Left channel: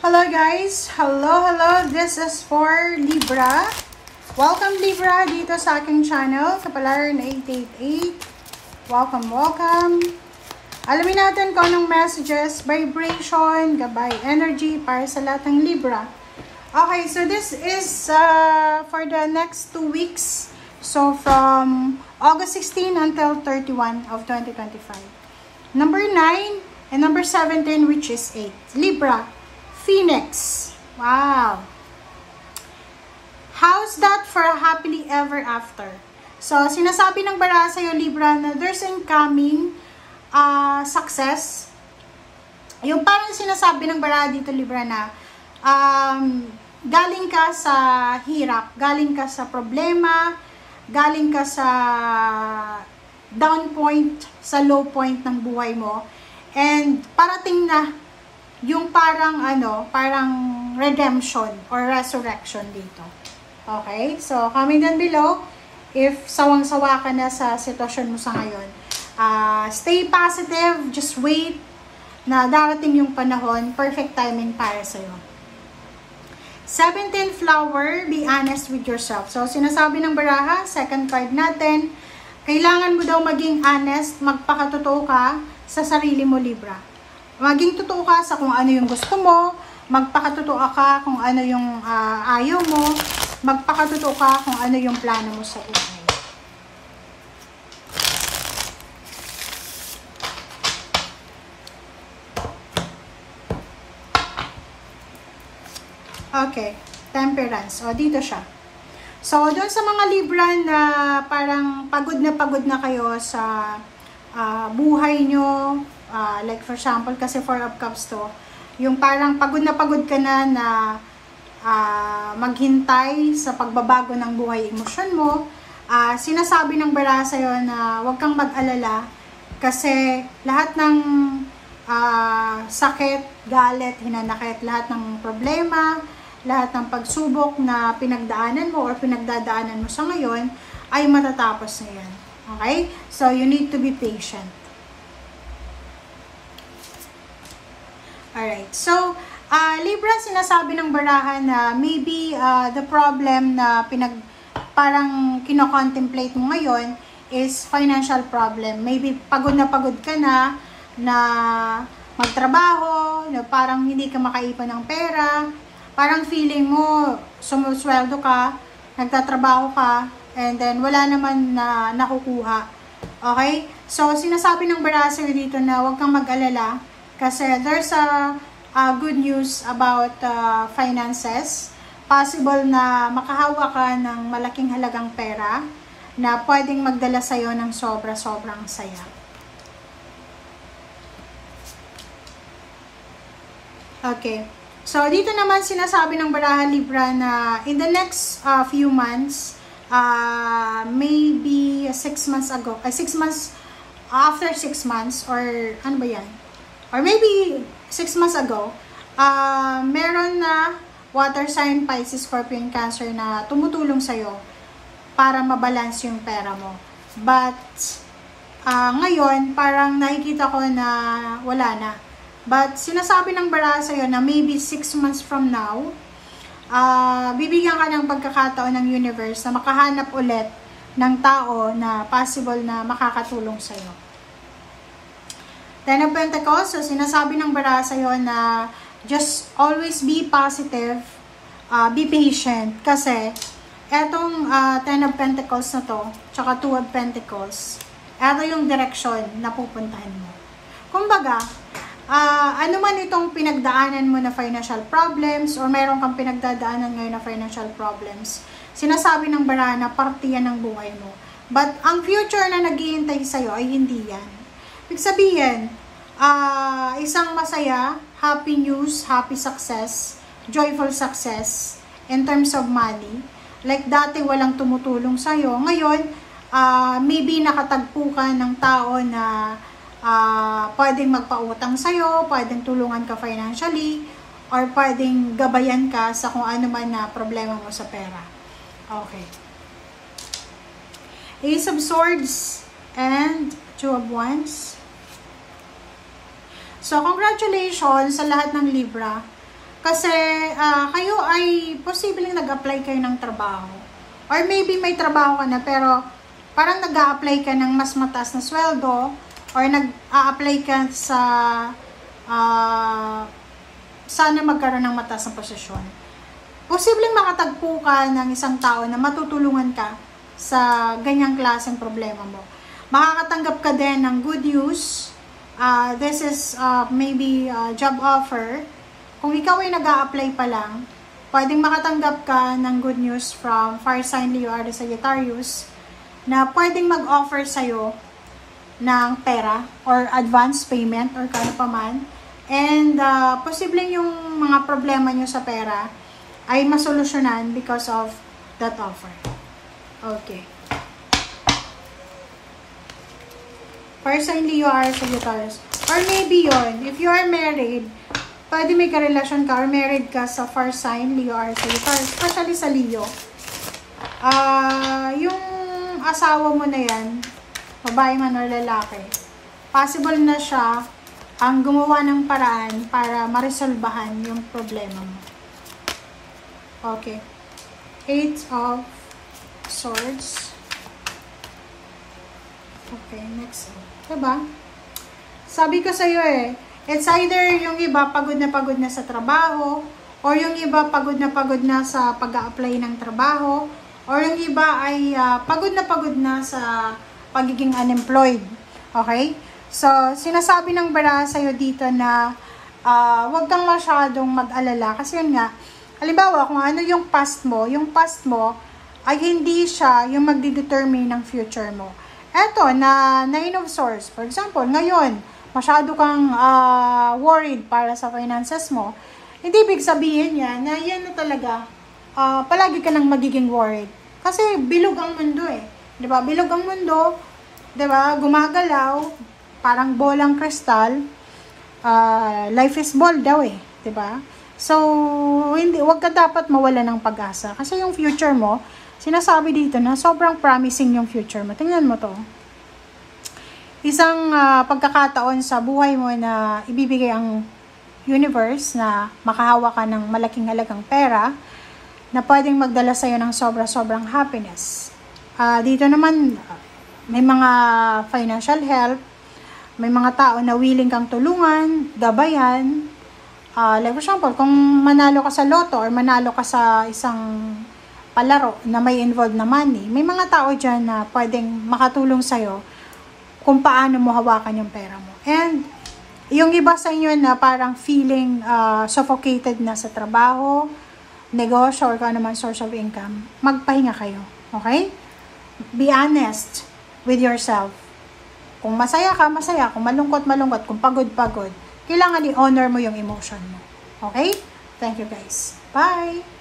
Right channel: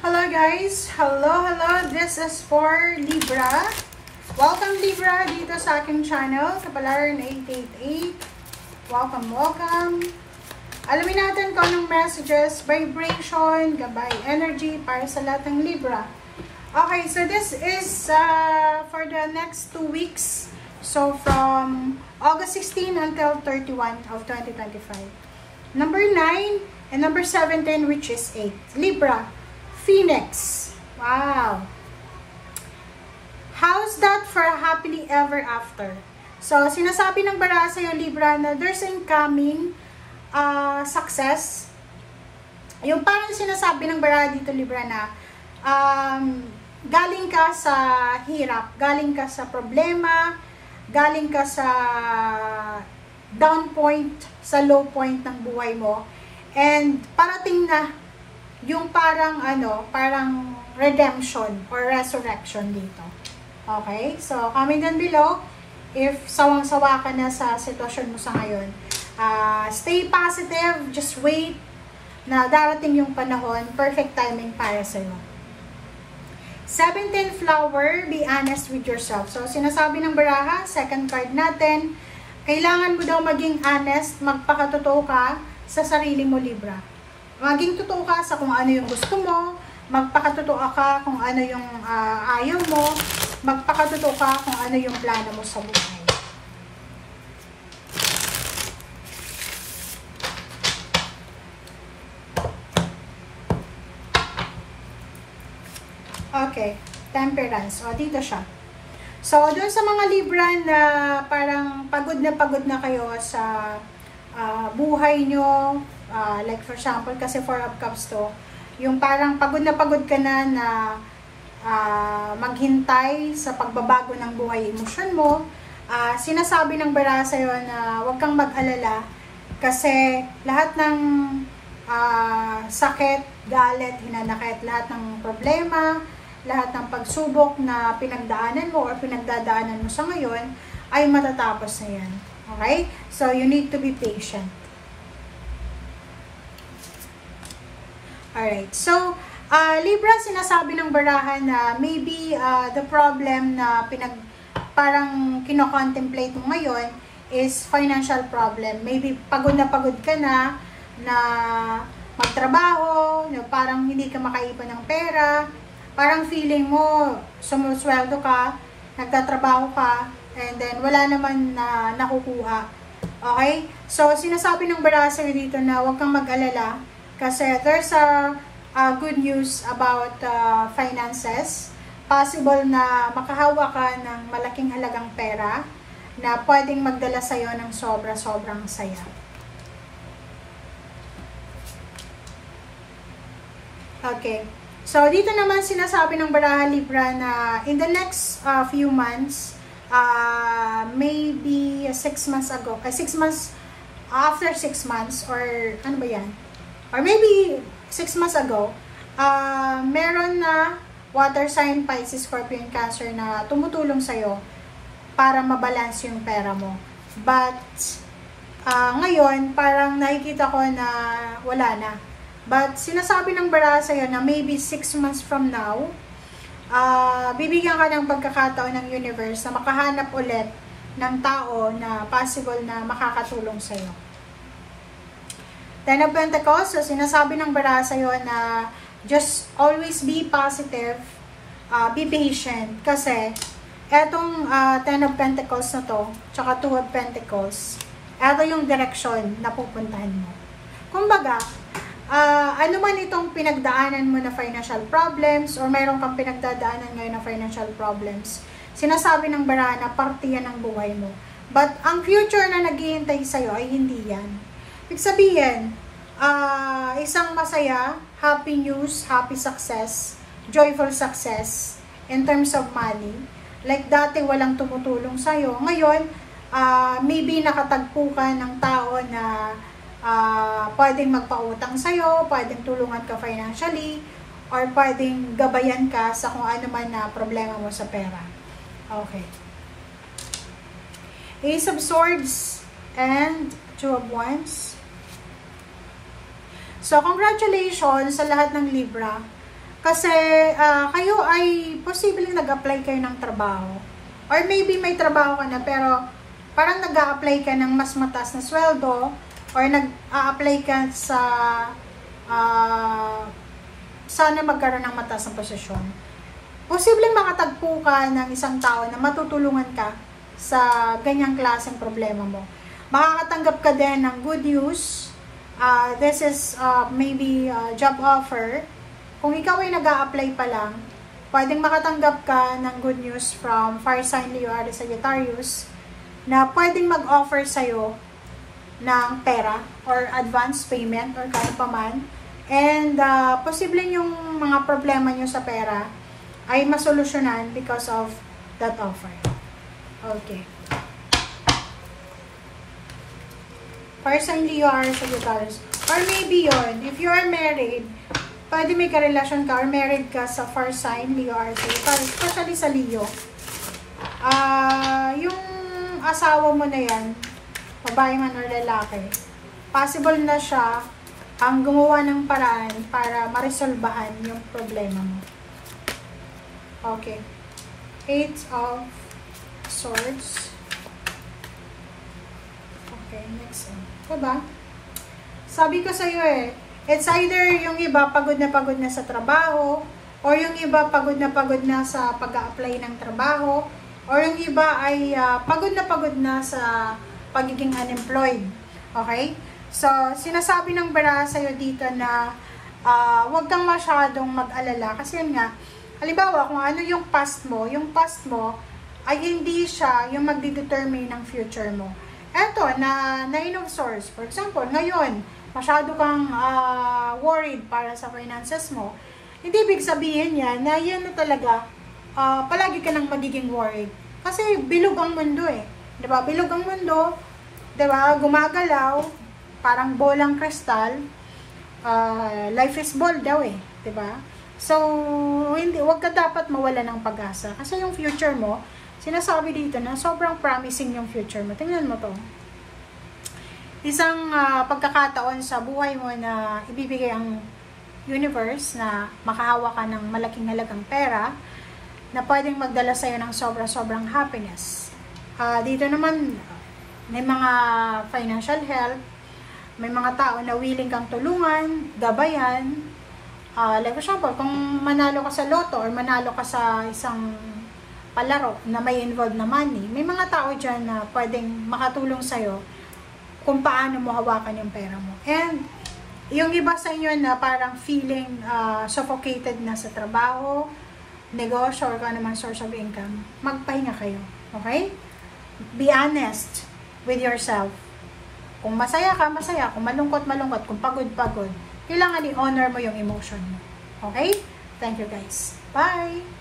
Hello guys! Hello! This is for Libra. Welcome Libra dito sa aking channel, Kapalaran 888. Welcome! Alamin natin kung anong messages, vibration, gabay, energy para sa lahat ng Libra. Okay, so this is for the next 2 weeks. So from August 16 until 31 of 2025. Number 9 and number 17, which is 8. Libra. Phoenix. Wow. How's that for a happily ever after? So, sinasabi ng baraha sa'yo, Libra, na there's incoming success. Yung parang sinasabi ng baraha dito, Libra, na galing ka sa hirap, galing ka sa problema, galing ka sa down point, sa low point ng buhay mo, and parating na yung parang redemption or resurrection dito. Okay? So, comment down below if sawang-sawa ka na sa sitwasyon mo sa ngayon. Stay positive, just wait na darating yung panahon, perfect timing para sa'yo. 17 flower, be honest with yourself. So, sinasabi ng baraha, second card natin, kailangan mo daw maging honest, magpakatotoo ka sa sarili mo, Libra. Maging totoo ka sa kung ano yung gusto mo, magpakatotoo ka kung ano yung ayaw mo, magpakatotoo ka kung ano yung plano mo sa buhay. Okay, temperance. O, dito siya. So, doon sa mga Libra na parang pagod na kayo sa buhay nyo, like for example, kasi 4 of Cups to, yung parang pagod ka na maghintay sa pagbabago ng buhay emosyon mo, sinasabi ng baraha sa'yo na huwag kang mag-alala kasi lahat ng sakit, galit, hinanakit, lahat ng problema, lahat ng pagsubok na pinagdaanan mo or pinagdadaanan mo sa ngayon ay matatapos na yan. Okay? So, you need to be patient. Alright, so, Libra, sinasabi ng baraha na maybe the problem na parang kino-contemplate mo ngayon is financial problem. Maybe pagod ka na magtrabaho, na parang hindi ka makaipon ng pera, parang feeling mo sumusweldo ka, nagtatrabaho ka, and then wala naman na nakukuha. Okay? So, sinasabi ng baraha sa'yo dito na huwag kang mag-alala, kasi there's a good news about finances. Possible na makahawa ka ng malaking halagang pera na pwedeng magdala sa'yo ng sobrang saya. Okay. So, dito naman sinasabi ng baraha Libra na in the next few months, maybe 6 months ago, 6 months, after 6 months, or ano ba yan? Or maybe 6 months ago, meron na water sign, Pisces, Scorpion, Cancer na tumutulong sa'yo para mabalance yung pera mo. But, ngayon, parang nakikita ko na wala na. But, sinasabi ng baraha sa'yo na maybe 6 months from now, bibigyan ka ng pagkakataon ng universe na makahanap ulit ng tao na possible na makakatulong sa'yo. 10 of Pentacles, so sinasabi ng baraha sa'yo na just always be positive, be patient, kasi etong 10 of Pentacles na to, tsaka 2 of Pentacles, eto yung direction na pupuntahan mo. Kumbaga, ano man itong pinagdaanan mo na financial problems, or meron kang pinagdadaanan ngayon na financial problems, sinasabi ng baraha na parte yan ng buhay mo. But ang future na naghihintay sa'yo ay hindi yan. Ibig sabihin, isang masaya, happy news, happy success, joyful success in terms of money. Like dati walang tumutulong sa'yo. Ngayon, maybe nakatagpo ka ng tao na pwedeng magpautang sa'yo, pwedeng tulungan ka financially, or pwedeng gabayan ka sa kung ano man na problema mo sa pera. Okay. Ace of Swords and 2 of Wands. So, congratulations sa lahat ng Libra. Kasi kayo ay posibleng nag-apply kayo ng trabaho. Or maybe may trabaho ka na pero parang nag-a-apply ka ng mas mataas na sweldo or nag-a-apply ka sa sana magkaroon ng mataas na posisyon. Posibleng makatagpo ka ng isang tao na matutulungan ka sa ganyang klaseng problema mo. Makakatanggap ka din ng good news. This is maybe job offer. Kung ikaw ay nag-a-apply pa lang, pwedeng makatanggap ka ng good news from Fire Sign Leo, Aries, Sagittarius na pwedeng mag-offer sa'yo ng pera or advance payment or kano pa man. And posibleng yung mga problema nyo sa pera ay masolusyonan because of that offer. Okay. Fire Sign Leo, Aries, Sagittarius. Or maybe yon, if you are married, pwede may karelasyon ka or married ka sa Fire Sign Leo, Aries, Sagittarius. Especially sa Leo. Yung asawa mo na yan, babae man or lalaki, possible na siya ang gumawa ng paraan para maresolbahan yung problema mo. Okay. 8 of Swords. Okay, next. Diba? Sabi ko sa'yo it's either yung iba pagod na sa trabaho, or yung iba pagod na sa pag-a-apply ng trabaho, or yung iba ay pagod na sa pagiging unemployed. Okay? So, sinasabi ng bara sa'yo dito na wag kang masyadong mag-alala. Kasi yun nga, halimbawa, kung ano yung past mo ay hindi siya yung magdi-determine ng future mo. Eto, na Nine of Swords. For example, ngayon, masyado kang worried para sa finances mo. Hindi ibig sabihin yan na yan na talaga, palagi ka nang magiging worried. Kasi bilog ang mundo Diba? Bilog ang mundo, diba? Gumagalaw, parang bolang kristal. Life is ball daw diba? So, wag ka dapat mawala ng pag-asa. Kasi yung future mo, sinasabi dito na sobrang promising yung future mo. Tingnan mo to. Isang pagkakataon sa buhay mo na ibibigay ang universe na makahawa ka ng malaking halagang pera na pwedeng magdala sa'yo ng sobrang happiness. Dito naman, may mga financial help, may mga tao na willing kang tulungan, gabayan. Like for example, kung manalo ka sa loto or manalo ka sa isang palaro na may involved na money, may mga tao dyan na pwedeng makatulong sa'yo kung paano mo hawakan yung pera mo. And yung iba sa inyo na parang feeling suffocated na sa trabaho, negosyo, or kung ano man source of income, magpahinga kayo. Okay? Be honest with yourself. Kung masaya ka, masaya. Kung malungkot, malungkot. Kung pagod, pagod. Kailangan i-honor mo yung emotion mo. Okay? Thank you guys. Bye!